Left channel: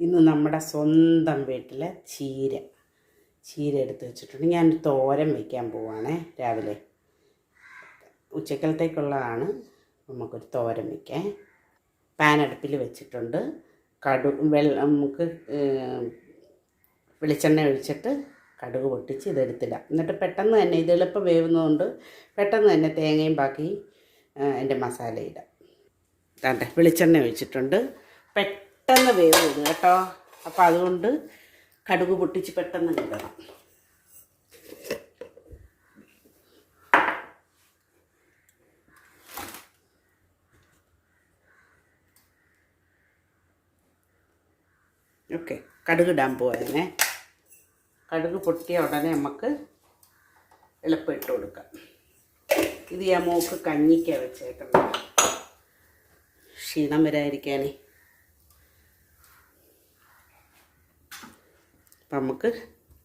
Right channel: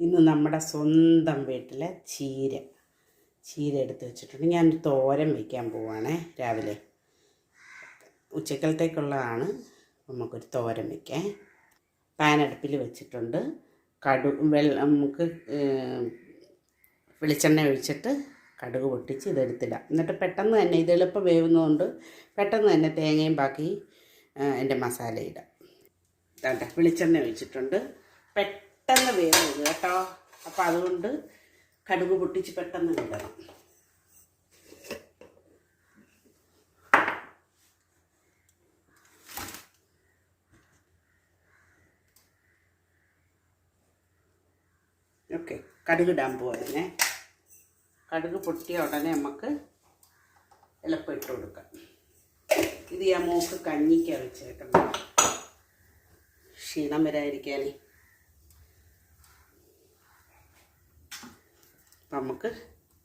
ഇന്ന് നമ്മുടെ സ്വന്തം വീട്ടിലെ ചീര. ചീര എടുത്ത് വെച്ചിട്ടുണ്ട്. ഞാൻ തോരൻ വയ്ക്കാൻ പോവാണേ രാവിലെ. ഉച്ചക്കലത്തേക്കുള്ളതാണ്. നമുക്കൊരു തോരൻ വയ്ക്കാൻ പാനടുപ്പിൽ വെച്ചിട്ടുണ്ട്. കടു വെള്ള നമുക്ക് വെളിച്ചെണ്ണ ഒഴിച്ചിട്ട് കടുക് പൊട്ടിച്ച് ഇതെടുത്തിടാം എന്നിട്ട് പെട്ടെന്ന് തന്നെ ഇത് എളുപ്പം വേവുന്നതുകൊണ്ട് പെട്ടെന്ന് തന്നെ തേങ്ങയും ബാക്കി എന്റെ മസാല ഇടാം വെളിച്ചെണ്ണ ഒഴിച്ചിട്ടുണ്ട്. പെട്ടെന്ന് വേവ് ഇത് കേട്ടോ. അപ്പോൾ അതുകൊണ്ട് കടുക് പൊട്ടിച്ച് പെട്ടെന്ന് കിട്ടണം ഓക്കെ കടുക് ഇടാൻ പോവായിരുന്നേ. കടുക് പൊട്ടിയ ഉടനെ നമുക്ക് എളുപ്പം ഇട്ട് കൊടുക്കാം. ഇത് ഞാൻ മൂക്ക് കഞ്ഞിക്ക വെച്ചേക്കുന്നത്. ക്ഷീണം വരാതിരിക്കാനേ. അപ്പം നമുക്ക്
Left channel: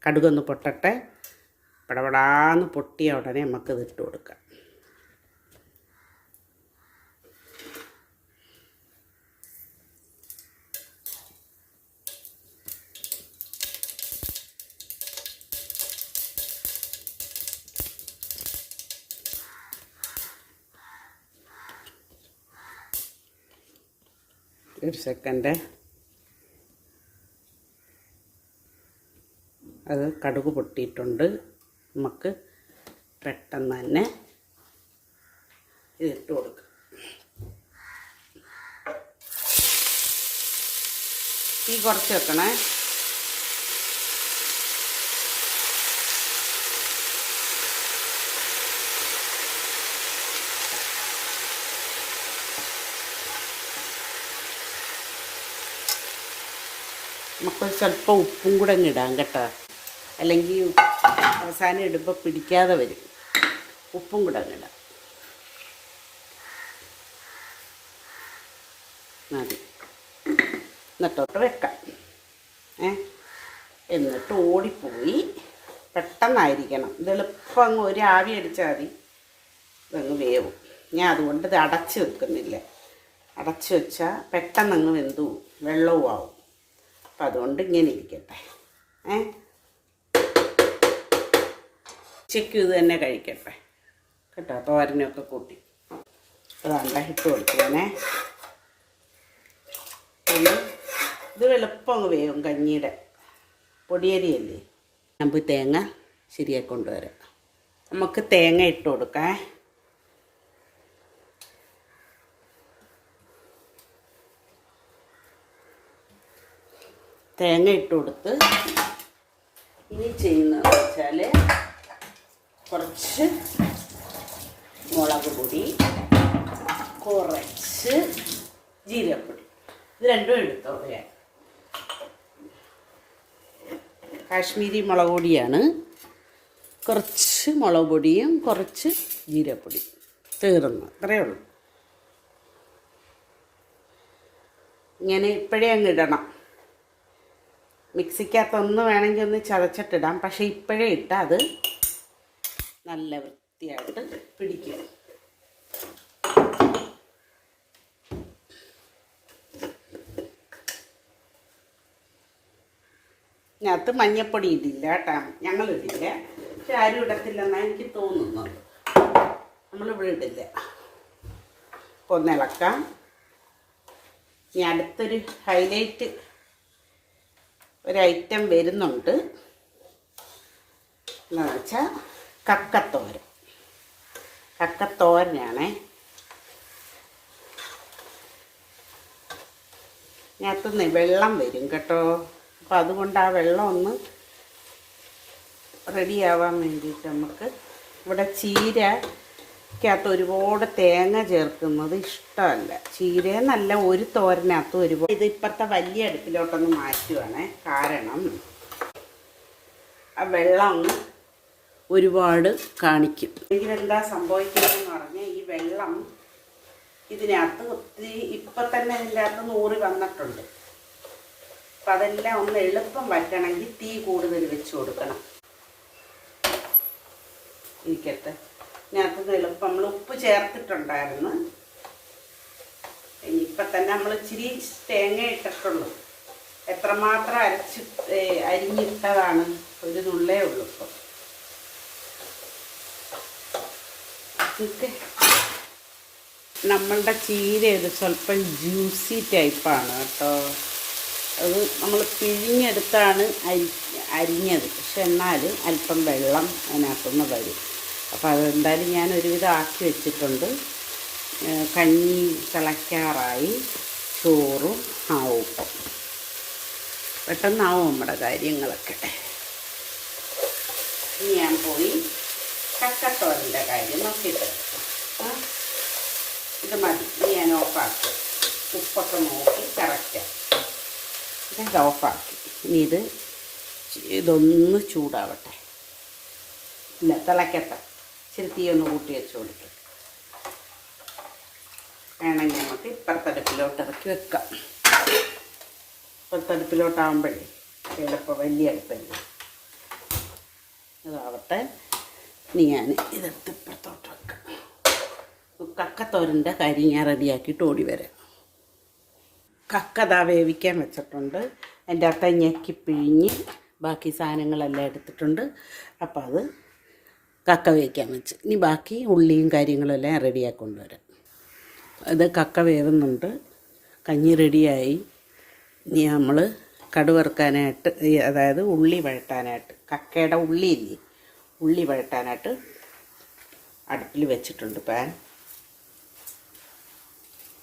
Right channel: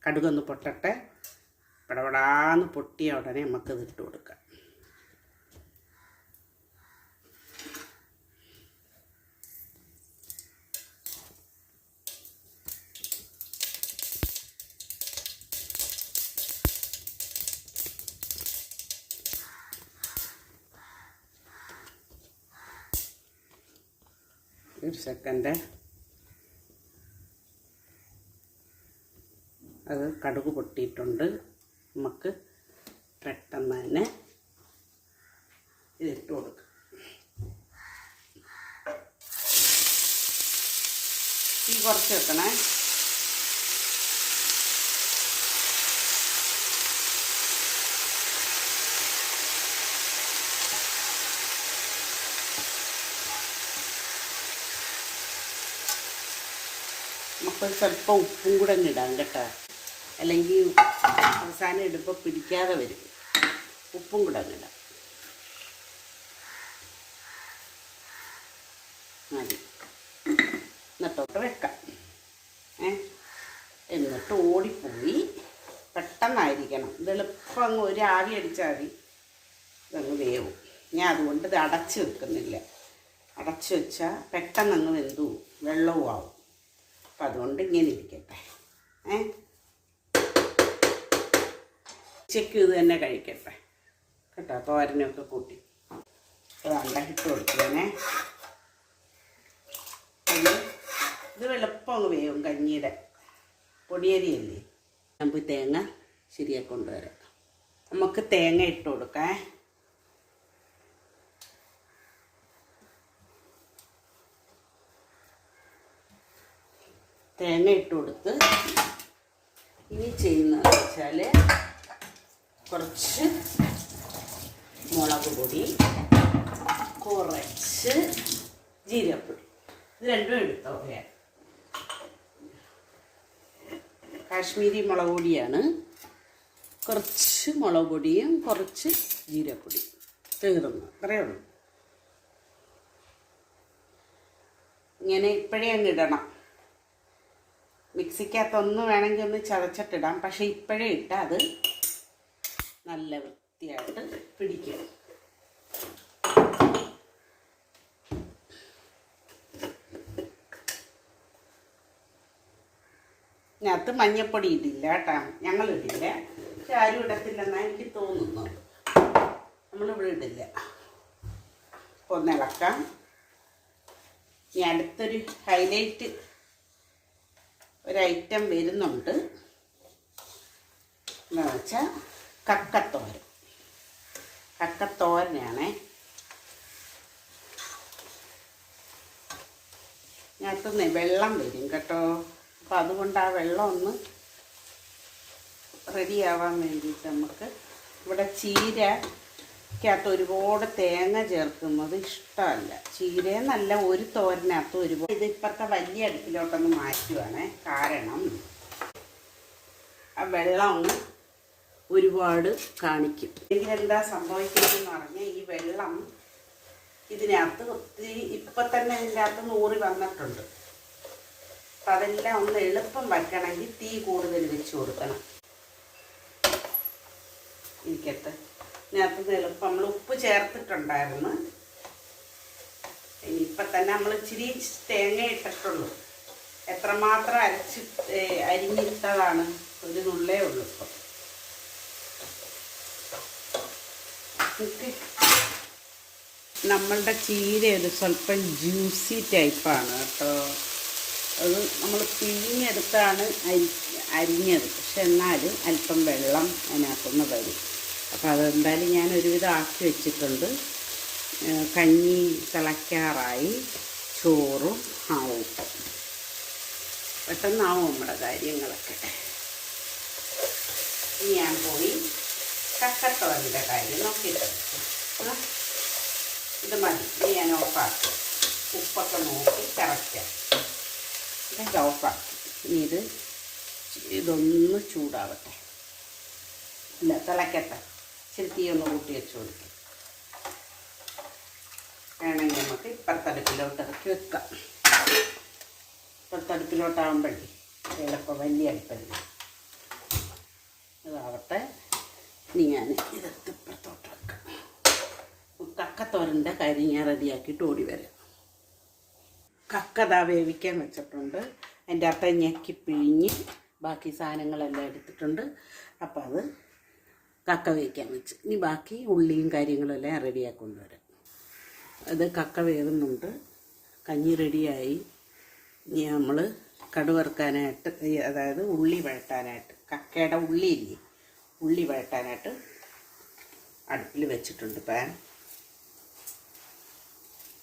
കടുകൊന്ന് പൊട്ടട്ടെ. പടപടാന്ന് പൊട്ടിയ ഉടനെ നമുക്ക് ഇട്ട് കൊടുക്കാം. ഒരു സെക്കൻഡ് അത് കടുക് പൊട്ടിയിട്ടുണ്ട്. നമുക്ക് പെട്ടെന്ന് തന്നെ ഇതിട്ട് കൊടുക്കാം. തീ കുറച്ച് വെക്കണേ. നമുക്ക് ചിലപ്പോൾ ഉപ്പും കൂടെ ഇടാം കേട്ടോ. അല്ലെങ്കിൽ അവസാനം ഇടുമ്പോൾ പിടിക്കാതെ വരും. ഉപ്പും കൂടെ അങ്ങനെ മതി. എന്നിട്ടോട്ട് വെക്കാം. ഏ? എന്നിട്ട് ഓടിപ്പോയി. പെട്ടെന്നായിരിക്കണം. ഇത് എളുപ്പം അങ്ങ് ഒരു ആവി അടിച്ചാൽ മതി. ഇതങ്ങ് വേവും. ഞാൻ അതുകൊണ്ട് ഇത് അടച്ച് വെക്കുന്നില്ല. അടച്ച് വെച്ചാൽ പെട്ടെന്നങ്ങ് വെന്തു. വെള്ളവും ആവും. അപ്പം അതുകൊണ്ട് ഇങ്ങനെ ഇരിക്കട്ടെ. ഏ? ഉച്ചയ്ക്കും ഇത് തന്നെ കഴിക്കട്ടെ. കേട്ടോ തോരനൊക്കെ കൂട്ടി. അതാണ്ട ഇട്ട് കൊടുക്കുവാനേ ഇത് വെളുപ്പം വേവും കഞ്ഞിയുടെ. പൊടിയരിയല്ലേ? നമ്പ് തേങ്ങ ശരിയായി കൊണ്ടുവരാം. നമുക്ക് തേങ്ങ ഇട്ട് കൊടുക്കാം. തേങ്ങ ഇട്ട് കൊടുത്ത് ഇനി ചെയ്യുന്നതെന്ന് വെച്ചാൽ കുറച്ച് മുളക് പൊടി കുറച്ച് ജീരകപ്പൊടി. ഇത് രണ്ടും എടുത്തോ കാശ്മീരി മുളക് പൊടിയാണ്. കുറച്ച് മുളക് പൊടിയും കുറച്ച് ജീരപ്പൊടി തീർന്നു അത്രയേ ഉള്ളൂ. ഇങ്ങനെ ഇപ്പോഴേ അങ്ങ് ഇടണം. മിക്സിക്കകത്തൊന്ന് വേണമെങ്കിൽ ഒന്ന് ചതച്ചിട്ടിടാം. പക്ഷെ ഇപ്പോഴേ ഇട്ടാൽ അത് നല്ല വൃത്തിയായിട്ട് പിടിക്കും. ഇതിനകത്ത് മഞ്ഞപ്പൊടി ഇടില്ല കേട്ടോ. ഞങ്ങൾ ഇടില്ല. പക്ഷെ ആരും ഇടത്തില്ലെന്നാണ് എനിക്ക് തോന്നുന്നത് നമ്മളിവിടെ ഇടില്ല. ഒന്ന് ഇളക്കാം. ഇനി അടുത്തൊരു ഹൈലൈറ്റ് ഒരു ഐറ്റം വരുന്നുണ്ട്. എന്ന് വെച്ചാൽ കക്കത്തോരൻ. കക്കത്തോരനാണേ. ഇതിനകത്തുനിന്ന് വെള്ളം വരും കേട്ടോ. അപ്പോൾ അതുകൊണ്ട് ആ വെള്ളം ഒന്ന് റെഡിയാവാൻ വേണ്ടിയിട്ട് നമുക്ക് ഇവിടെ ചീരക്കകത്ത് ഒരുപാട് തേങ്ങ ചേർക്കുന്നത് ഇഷ്ടമല്ല. ചീരയെന്നല്ല ഒരു തോരനകത്ത് ഒരുപാട്. ഇത് ഇപ്പോഴത്തെ വലിയ അടുപ്പിലോട്ടൊന്ന് മാറ്റുവാണേ. കാരണം ആ വെള്ളം ഒന്ന് ഒരുപാട് കാണിക്കും. ഇതിനെന്താ സംഭവിക്കുന്നതെന്ന് പറഞ്ഞാൽ ഈ വെള്ളം ഇതിനകത്ത് ഒത്തിരി ഇപ്പം തന്നെ ഇതിന്റെ അകത്ത് നൂറ് വന്നിട്ടുണ്ട്. അപ്പം അതെല്ലാം ഒന്ന് എളുപ്പം വറ്റണമെങ്കിൽ തീ കൂടുതൽ വെച്ച് കൊടുക്കണം. ഇരിക്കട്ടെ. ഇതിനകത്ത് എളുപ്പം നമ്മൾ ഉപ്പ് ചേർത്തിട്ടുണ്ടായിരുന്നു. ഇനിയിപ്പം തന്നെ നമ്മൾ ഇച്ചിരി തേങ്ങ ഇട്ടിട്ടുള്ളൂ. എത്രമാത്രം അരച്ച് അരിഞ്ഞിട്ടതാണ് ഒരു നുള്ളേ ഉള്ളൂ ഇപ്പം. ഓക്കെ നമ്മളുടെ ചീര ഒരു സ്വല്പം ജ്യൂസി ടൈപ്പാണ് കേട്ടോ. അത് നമ്മൾ പിഴിഞ്ഞെടുത്താണ് അരി അരിഞ്ഞത്. പക്ഷെ എന്നാലും അല്പം വെള്ളം അതിനകത്തുനിന്ന് വരും. അപ്പോൾ അതെന്തായാലും ഞാൻ ഒരുവിധം ആക്കി വെച്ചിട്ടുണ്ട്. കഞ്ഞി തിളയ്ക്കാറായി ചോറും ആവും ഇപ്പം പെട്ടെന്നാവും നമ്മുടെ കാര്യങ്ങളൊക്കെ. ഞാൻ പോയി കക്കത്തോരന്റെ കാര്യം നോക്കിയിട്ട്. ഇത് മതി. ഇനി ഞാൻ ഓഫാക്കി. ഉപ്പൊക്കെ നോക്കി കറക്റ്റാം ഇത് ഓഫാക്കി. ഇനി ഇത് ഇതൊന്ന് ചൂടാവട്ടെ. ഇല്ല തിളക്കട്ടെ. ഇച്ചിരി തീ ഒന്ന് കൂട്ടി വെച്ച് കൊടുക്കും. വേണമെങ്കിൽ നമുക്ക് ഇപ്പുറത്തടുപ്പിലോട്ട് ഇറക്കി വെക്കാം. ഇപ്പുറത്തടുപ്പിലോട്ടാകുമ്പോഴേ എളുപ്പം വലിയ അടുപ്പല്ലേ? അതാവട്ടെ. ഇനി ഞാൻ ഇതെടുത്ത് ഇപ്പുറത്തോട്ട് വെക്കാം കക്കത്തോരന്റെ കരി ഞാൻ റെഡിയാക്കിയിട്ട് ഓടി വരാം. കക്ക ദാ വേവിക്കാൻ വെച്ചിട്ടുണ്ട്. അതിന്റെ അകത്ത് ഞെക്കി പിഴിഞ്ഞ് ബാക്കി സാധനങ്ങളെല്ലാം എടുത്തിട്ടുണ്ട്. അപ്പോൾ അത് കക്ക വേവിക്കാൻ വെച്ച്. ഇനി ബാക്കി ഉള്ളിയും കാര്യങ്ങളെല്ലാം റെഡിയാക്കി കൊണ്ടുവരാം ഇത് കക്ക വേവുന്നുണ്ട്. കഞ്ഞി റെഡിയായി. ഇനി നമ്മൾ കടുവറുക്കാനായിട്ട് അതായത് ഉള്ളി വഴറ്റാനായിട്ട് കക്കയുടെ ഉള്ളി ഇല്ലേ? ഉള്ളി വഴട്ടാനായിട്ട് അടുപ്പിൽ വെച്ചിട്ടുണ്ട് പാൻ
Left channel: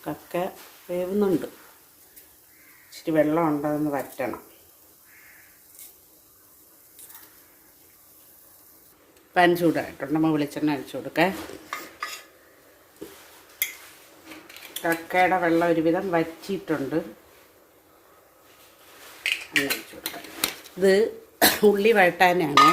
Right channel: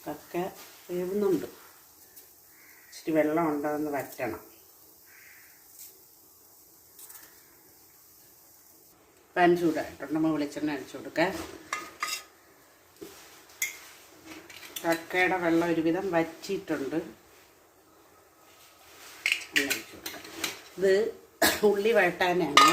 കക്ക വേവുന്നുണ്ട്. ഇച്ചിരി വെള്ളം ഉണ്ടോയെന്ന് വറ്റണം പാൻ ചൂടായിട്ടുണ്ട്. നമ്മൾ വെളിച്ചെണ്ണ അഴിച്ചു കൊടുക്കാൻ കക്കയുടെ വെള്ളം ഒരുവിധം വറ്റിയിട്ടുണ്ട്. ഇത് ഉള്ളി വഴട്ടാനാണ്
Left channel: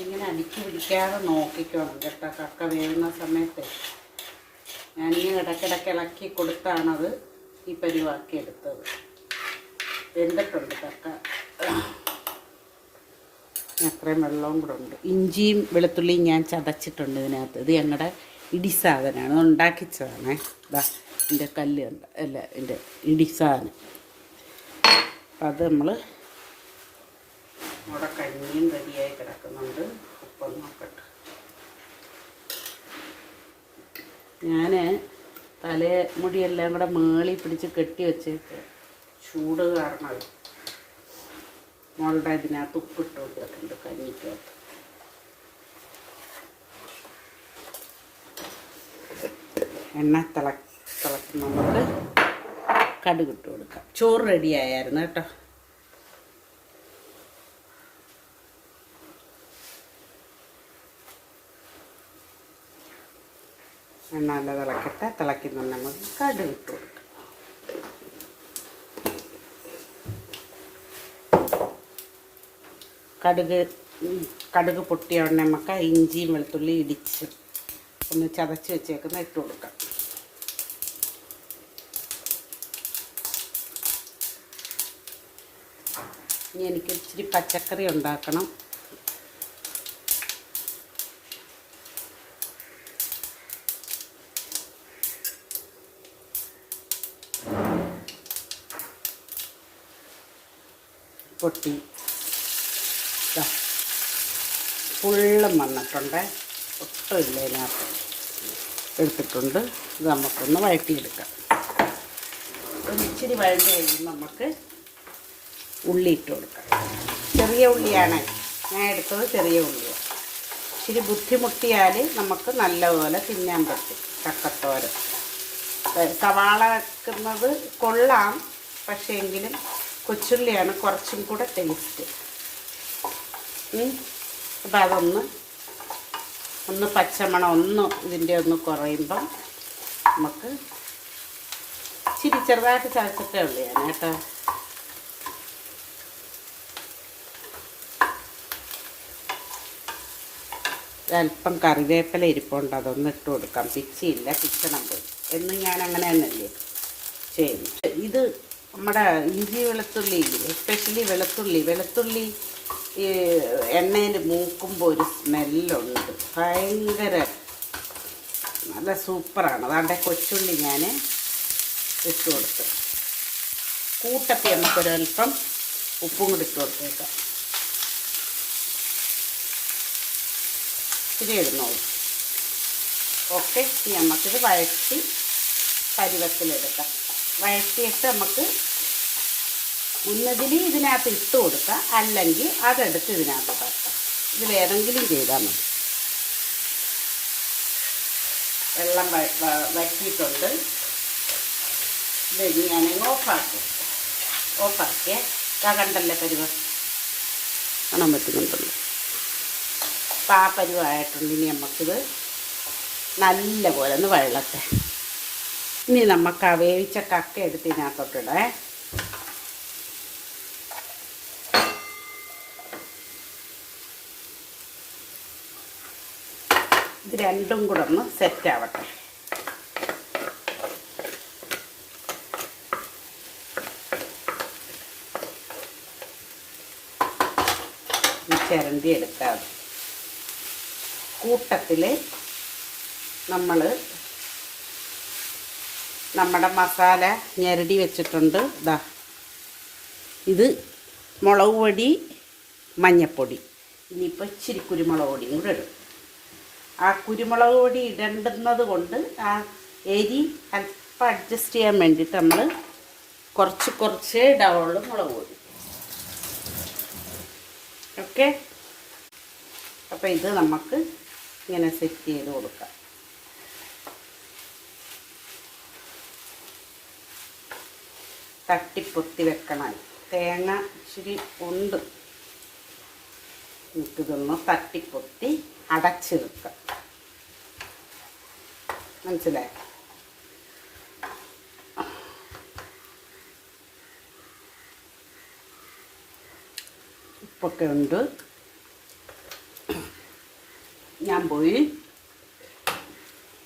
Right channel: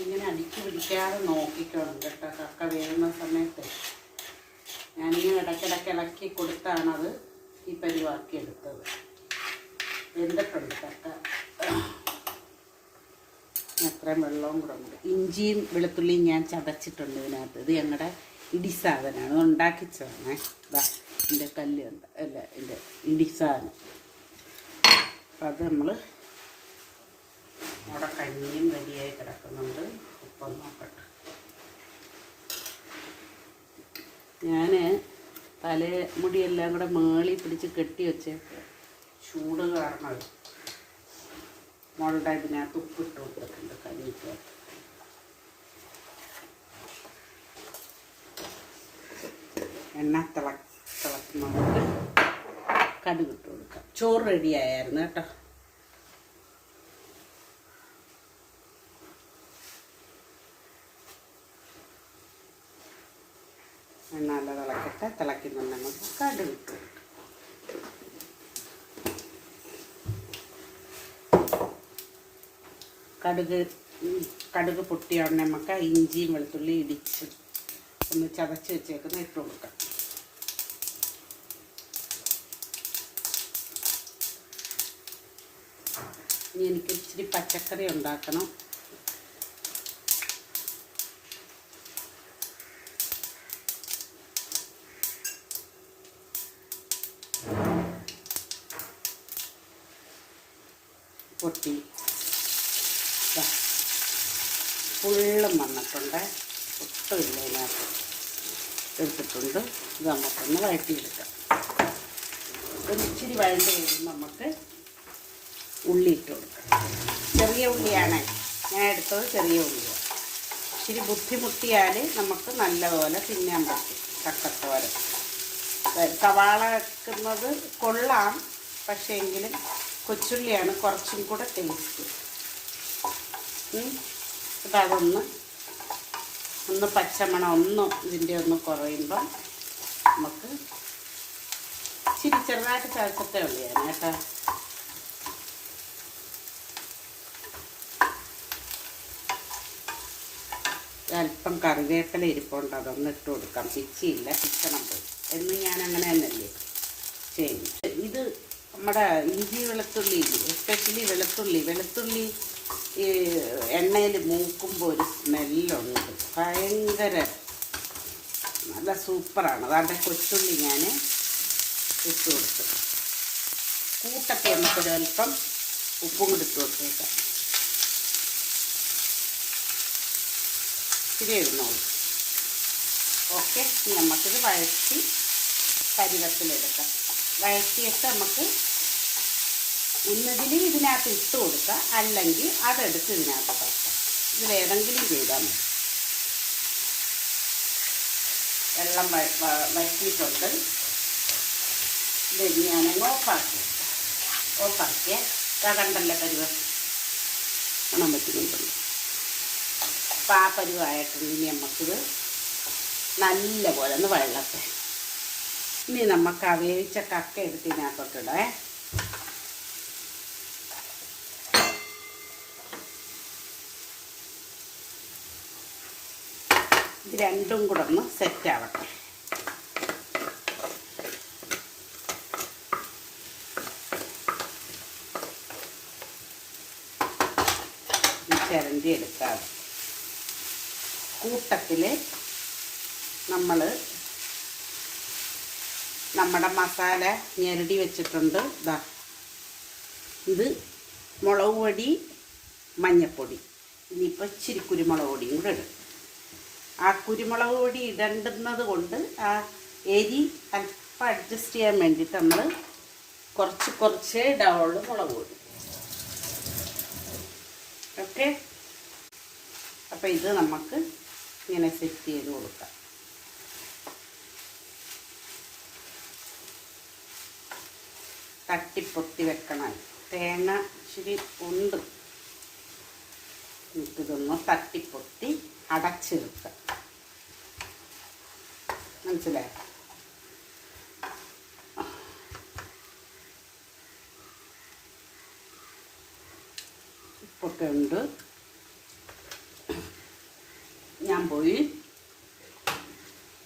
ഇങ്ങനെ അടിച്ചു പിടിക്കാതെ നോക്കിക്കണം കേട്ടോ. കക്ക വേവുന്ന സമയത്ത്. ഞാനീ ഇടയ്ക്കിടയ്ക്ക് ഇളക്കി കൊടുത്താണത് ഈ പരിവാക്കി എടുത്തത്. വെന്തപ്പുണ്ട് കക്ക. അത്രയും വെള്ളവും കൂടെ ഉണ്ട്. ഇഞ്ചിയും വെളുത്തുള്ളിയും ഞാൻ ചതച്ചിട്ടുണ്ട് ഇതിനകത്ത്. ഇത് ഞങ്ങളുടെ ഇടി സാധനമാണ് ഉണ്ടാക്കിച്ചതാണ്. എന്റെ കല്ല് അല്ല എന്റെ ഇടി സാധനം. അത് നമ്മൾ അവിടെ കഞ്ഞിയും റെഡിയായി കിടക്കുന്നുണ്ട്. ഉപ്പം നോക്കട്ടെ. ഞാൻ തലമുടിയെല്ലാം കൂടെ മേളി പിടിച്ച് കെട്ടി വെച്ചേക്ക്. ചൂട് കാരണം മോളുടെ ഇതിനകത്ത് ഉപ്പിട്ട് കൊടുത്തിട്ടുണ്ട് കഞ്ഞിക്ക്. എണ്ണ തിള തിളക്കുന്നുണ്ട്. കടുകിട്ട് കടുക് കൊടുക്കാം. ചോറ് റെഡി ആയായിരുന്നു കേട്ടോ. എണ്ണ തിളക്കട്ടെ. തിളക്കുന്നുണ്ടെങ്കിൽ കടുക് ഇട്ട് കടുക് കടുക് പൊട്ടിയ ഉടനെ നമുക്ക് ഇഞ്ചിയും വെളുത്തുള്ളി ഇടിച്ച് ഒന്ന് ചതച്ച് വെച്ചേക്കുന്ന ഇട്ട് കൊടുക്കാം. ഇനി എനിക്ക് ഇച്ചിരി പച്ചക്കറി ഉണ്ടാക്കണം. പൊട്ടി. ഫുള്ളും വന്നിട്ടുണ്ട്. ഒട്ടുമില്ല ഇതിനകത്ത്. എടുത്തിട്ടുണ്ട്. ഇത് നമുക്കൊന്ന് വഴറ്റിയെടുക്കാം. ഒരിച്ചിരി വഴണ്ട് കഴിയുമ്പോൾ നമുക്ക് ഉള്ളി ഇട്ട് കൊടുക്കാം. ചെറിയ ഉള്ളിയാണ്. ഞാൻ എടുത്തത് ചെറിയ ഉള്ളിയോ ഇച്ചിരി ബുദ്ധിമുട്ടിയാൽ നമുക്ക് നല്ലപോലെ തിന്നാൻ പറ്റും. ചക്കത്തോര സവാള വെക്കുന്നത് കൊള്ളാം. പക്ഷേ എങ്കിലും കൊച്ചുള്ളിയാണ് കുറച്ചും കൂടെ ടേസ്റ്റ് അപ്പം അതൊന്ന് ഒന്ന് പച്ചമണം ഒന്ന് ഇതിന്റെ ഒന്ന് കുറയുമ്പം നമുക്ക് ഇച്ചിരി ചെറുതായിട്ട് ചതച്ചിട്ടേ ഉള്ളിയാണ് കേട്ടോ. അല്പം കറിവേപ്പില ഇരിപ്പുണ്ട് അതൊന്ന് ഇട്ട് കൊടുക്കാം. പിച്ചിയില്ല പിച്ചണം പോയി. എന്ന് ഞാൻ അങ്ങനെ തന്നെയല്ലേ ശരി. ഇത് നമ്മുടെ ഇഞ്ചി വെളുത്തുള്ളി എസ്പെഷ്യലി വെളുത്തുള്ളി. വെളുത്തുള്ളി എണ്ണയിൽ മൂക്കുമ്പോൾ ഒരു സ്മെല്ലുണ്ട്. ഭയങ്കര നല്ല സൂപ്പറാണ്. അതാണ്ട് കൊച്ചുള്ളി ഞാൻ ഇട്ട് കൊടുത്തു കൂട്ടത്തി നമുക്കൊരൽപ്പം ഉപ്പും കൂടി ഇട്ട് കൊടുത്തേക്കാം. ഇത്തിരി ഇടുന്നോളൂ ഓക്കെ നമുക്കിത് വഴറ്റി പരുവത്തിലെടുക്കാം. വഴറ്റിയിട്ട് നമുക്ക് ഒന്നതിൽ ഇതിനകത്ത് ഇട്ട് കൊടുക്കാം. അല്ലെങ്കിൽ അതെടുത്ത് ഇതിനകത്ത് തട്ടാം വേറെങ്കിലും ചെയ്താൽ മതി. വെള്ളം വറ്റിയിട്ടുണ്ട്. ഇത് ഞാൻ ഓഫാക്കി. ഓഫാക്കിയേ. ഇതാ കണ്ടല്ലേ പരുവം കാണാൻ പറ്റുന്നുണ്ടല്ലോ അപ്പം ആ പരുവായിട്ടുണ്ട്. ഇനി നമുക്കിത് നല്ല പോലെ ഒന്ന് വെള്ളത്തെ ഇനി നമുക്ക് ആ വേവിച്ച കക്ക എടുത്ത് ഇതിനകത്തോട്ടിടേ ഇത് രണ്ടും കൂടെ ഒന്ന് സെറ്റ് ആവട്ടെ. ഈ ചിരണ്ടി എടുക്കാതെ കൂട്ടത്തിൽ നമ്മൾ നമ്മുടെ മസാല ഞെരടി വെച്ചിട്ടുണ്ട്. ഇതാ ഇത് മുളക് പൊടി മഞ്ഞപ്പൊടി. ഇനിയിപ്പോൾ ഇച്ചിരി കുരുമുളക് പൊടിയും കൂടെ ഇടും. ആ കുരുമുളക് പൊടി ഇടേണ്ടുന്നത് കൊണ്ട് ആ എരി അല്പം അഡ്ജസ്റ്റ് ചെയ്യാൻ വേണ്ടിയിട്ട് നമ്മൾ കുറച്ച് കുറച്ച് ഇടാവുള്ളൂ മുളക് പൊടി. ഓക്കെ? അപ്പോൾ ഇത് നമുക്ക് ഇങ്ങനെ സെറ്റ് ചെയ്ത് കൊടുക്കാം. തട്ടിപ്പൊത്തി വെക്കണം. തേങ്ങ ഇച്ചിരി ഉണ്ട്. നമുക്കിതൊന്ന് തട്ടിപ്പൊത്തി അടച്ച് വെക്കാം മനസ്സിലായോ? ഉപ്പൊക്കെ ഉണ്ട്. ഞാൻ പോയി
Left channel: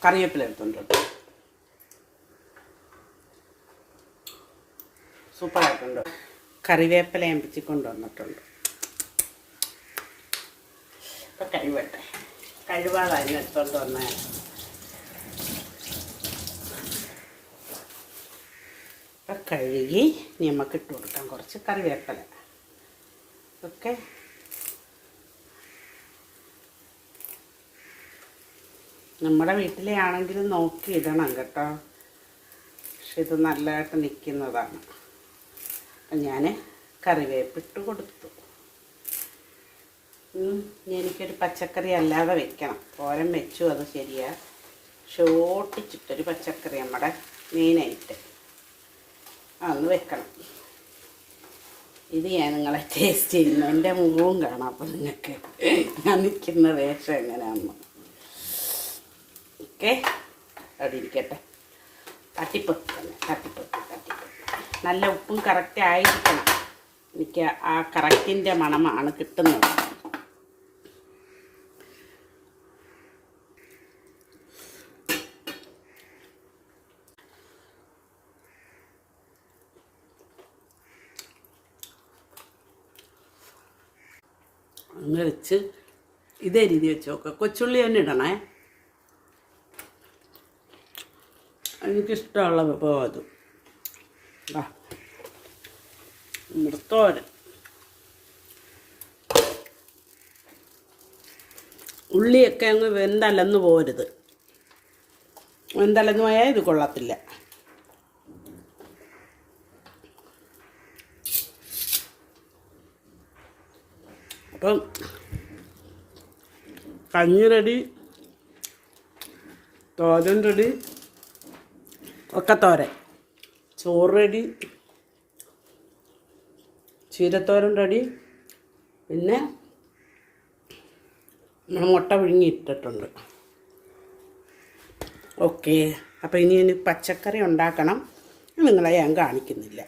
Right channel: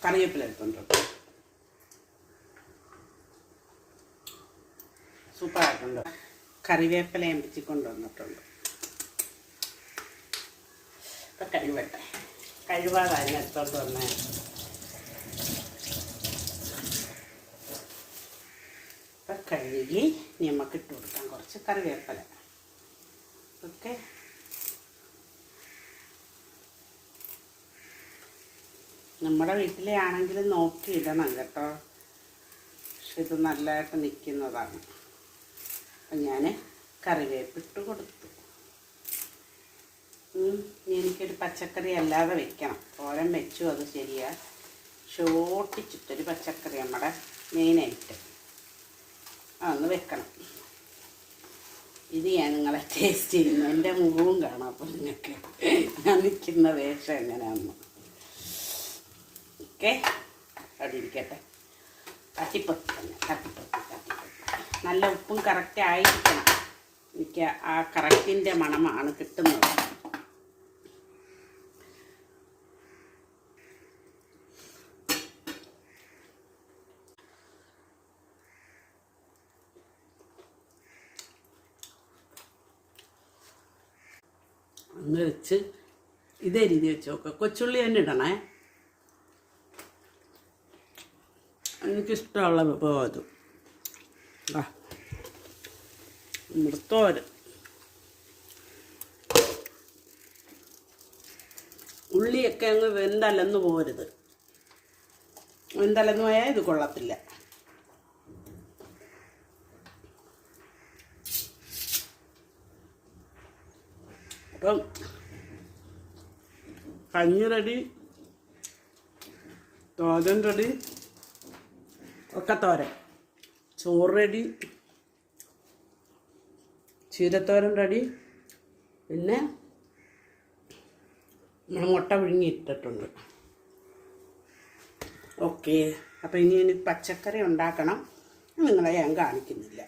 കറിവേപ്പില എടുത്തുണ്ട് സൂപ്പറായിട്ടുണ്ട്. കറിവേപ്പില ഞാൻ പിച്ചിക്കൊണ്ട് വന്നിട്ടുണ്ട്. ഇപ്പം കഴിവട്ടെ. കഴിവാതെ അതിനെടുത്തോണ്ട് വന്നേ ഇപ്പം കഴുകി നമുക്ക് ഇട്ട് കൊടുക്കാം. കുറച്ച് കറിവേപ്പില. ഓക്കെ? നമ്മുടെ വീട്ടിലെ ആണെങ്കിലും നോക്കി ഇടണം കേട്ടോ. പക്ഷെ ഇത് നല്ലതായിട്ട് നിൽക്കുന്നതാണ് ഞാൻ കറിവേപ്പിട്ട് കൊടുത്തു. എനിക്കൊരു പച്ചക്കറി അല്ലാതെ വെക്കണം. തോരൻ വെച്ചു അത് ശരിയാ. ഷോട്ടിച്ചിട്ടൊരു പച്ചക്കറി നമ്മുടെ മെയിനായിട്ട് അന്ന് വെക്കണം. ഇത് ഞാൻ നിങ്ങളെ ടേസ്റ്റ് ചെയ്യുന്നു. എന്റെ മുഖവും കാണാം അപ്പം നിങ്ങൾക്ക് ഞാൻ നിൽക്കുന്ന വേഷം എങ്ങനെയാണെന്ന് ഓക്കെ അവിടെ ഇരിക്കട്ടെ. തട്ടിപ്പൊത്തി തന്നെ തട്ടിപ്പൊത്തി തട്ടിപ്പൊത്തി നല്ല ഉപ്പും കറക്റ്റ് ആയിരിക്കണം. എനിക്ക് ആ കറക്റ്റിന്റെ മണമാണ് കിട്ടുന്നത്. അങ്ങ് വെച്ച് ഇതേ രീതി വെച്ച് നോക്കുക കൊച്ചുള്ളി തന്നെ ഇടണേ. എനിക്കിഷ്ടമുള്ള വിഭവം അതും. ആ മൃത്തോരൻ ഉള്ളിയൊക്കെ അങ്ങ് വെന്തലന്ന് പോരുത്. വെന്തലന്ന് പോയാൽ ഇത് കൊള്ളത്തില്ല. അപ്പം കഞ്ഞി റെഡി തോരൻ റെഡി ഒക്കെ തോരൻ. ചോറ് റെഡി. ചീരത്തോരൻ റെഡി പിന്നെ മുട്ട വിഴുങ്ങിയിട്ടിട്ടുണ്ട് ഓക്കെ. അപ്പോൾ ഇനി ഇനി പച്ചക്കറി ഉണ്ടാക്കണം. നിങ്ങളെ ഞാൻ കാണിക്കുന്നില്ല.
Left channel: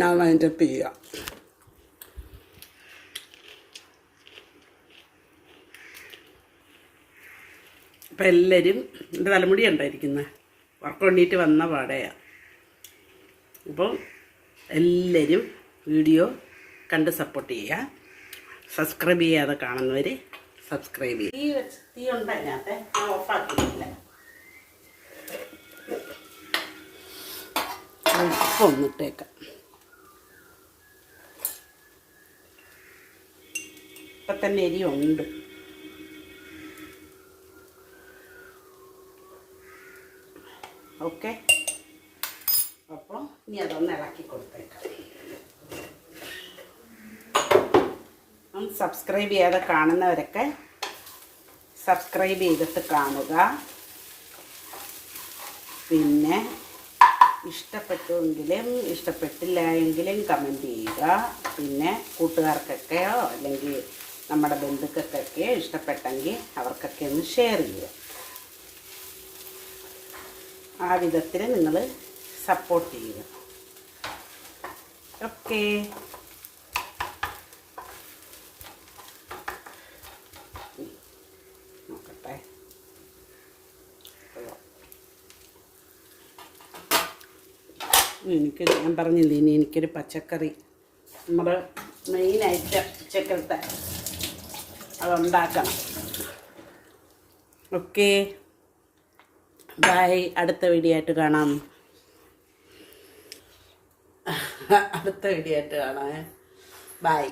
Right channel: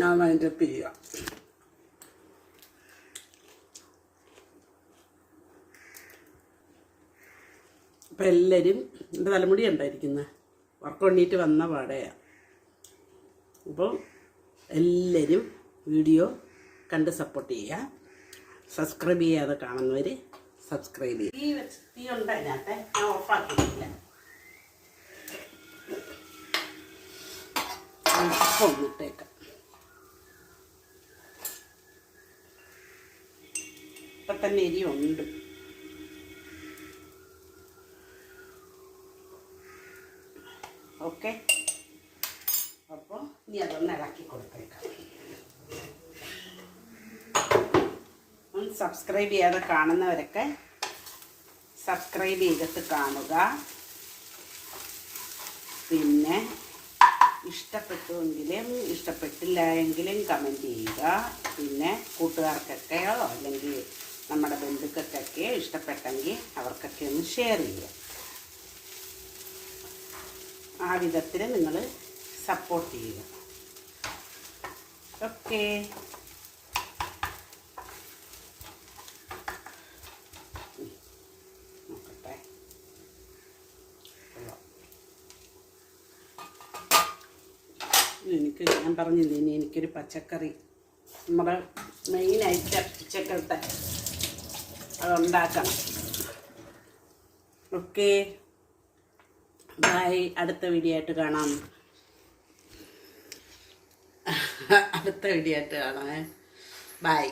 ഞാൻ അതിന്റെ ചെയ്യാം. അപ്പം എല്ലാവരും എന്റെ തലമുടി ഉണ്ടായിരിക്കുന്നത് വർക്ക് വന്ന പാടെയാണ് അപ്പോൾ എല്ലാവരും വീഡിയോ കണ്ട് സപ്പോർട്ട് ചെയ്യുക സബ്സ്ക്രൈബ് ചെയ്യാതെ കാണുന്നവർ സബ്സ്ക്രൈബ് ചെയ്യുക തീ വെച്ച് തീ ഉണ്ട് അതിനകത്ത്. ഞാൻ ഓഫാക്കിയിട്ടില്ല ഉപ്പ് ഒന്നിട്ടേക്കാം ഇപ്പം തന്നെ എരിയുണ്ട് ഓക്കെ. അപ്പോൾ ഇനി അതൊന്ന് ഇളക്കി കൊടുത്തേക്കാം. സബ്സ്ക്രൈബ് ചെയ്യാതെ കാണുന്നവരൊക്കെ സബ്സ്ക്രൈബ് ചെയ്തിട്ട് കാണുക. പിന്നെ ഇഷ്ടപ്പെട്ടുവെങ്കിലും ഇഷ്ടപ്പെട്ടില്ല എങ്കിലും കമന്റ് ചെയ്യുക. പിന്നെ കൂട്ടുകാർക്കൊക്കെയോ അല്ലെങ്കിൽ നമ്മുടെ ബന്ധുക്കൾക്കൊക്കെ ഇഷ്ടപ്പെട്ടെങ്കിൽ അവർക്കൊക്കെ ഒന്ന് ഷെയർ ചെയ്യുക. ആ വിധത്തിൽ നിങ്ങൾ സപ്പോർട്ട് ചെയ്യുക. ഓക്കെ എനിക്ക് ഞാൻ പറഞ്ഞില്ലേ ഇനി എനിക്കൊരു പച്ചക്കറി. നമ്മുടെ മെയിനായിട്ട് ഉച്ചക്കലത്തെ അതുണ്ടാക്കണം ഓക്കെ ബൈ അടുത്ത വീഡിയോ ആയിട്ട് കാണാം. അടുത്ത വീഡിയോ ആയിട്ട് കാണാം ബൈ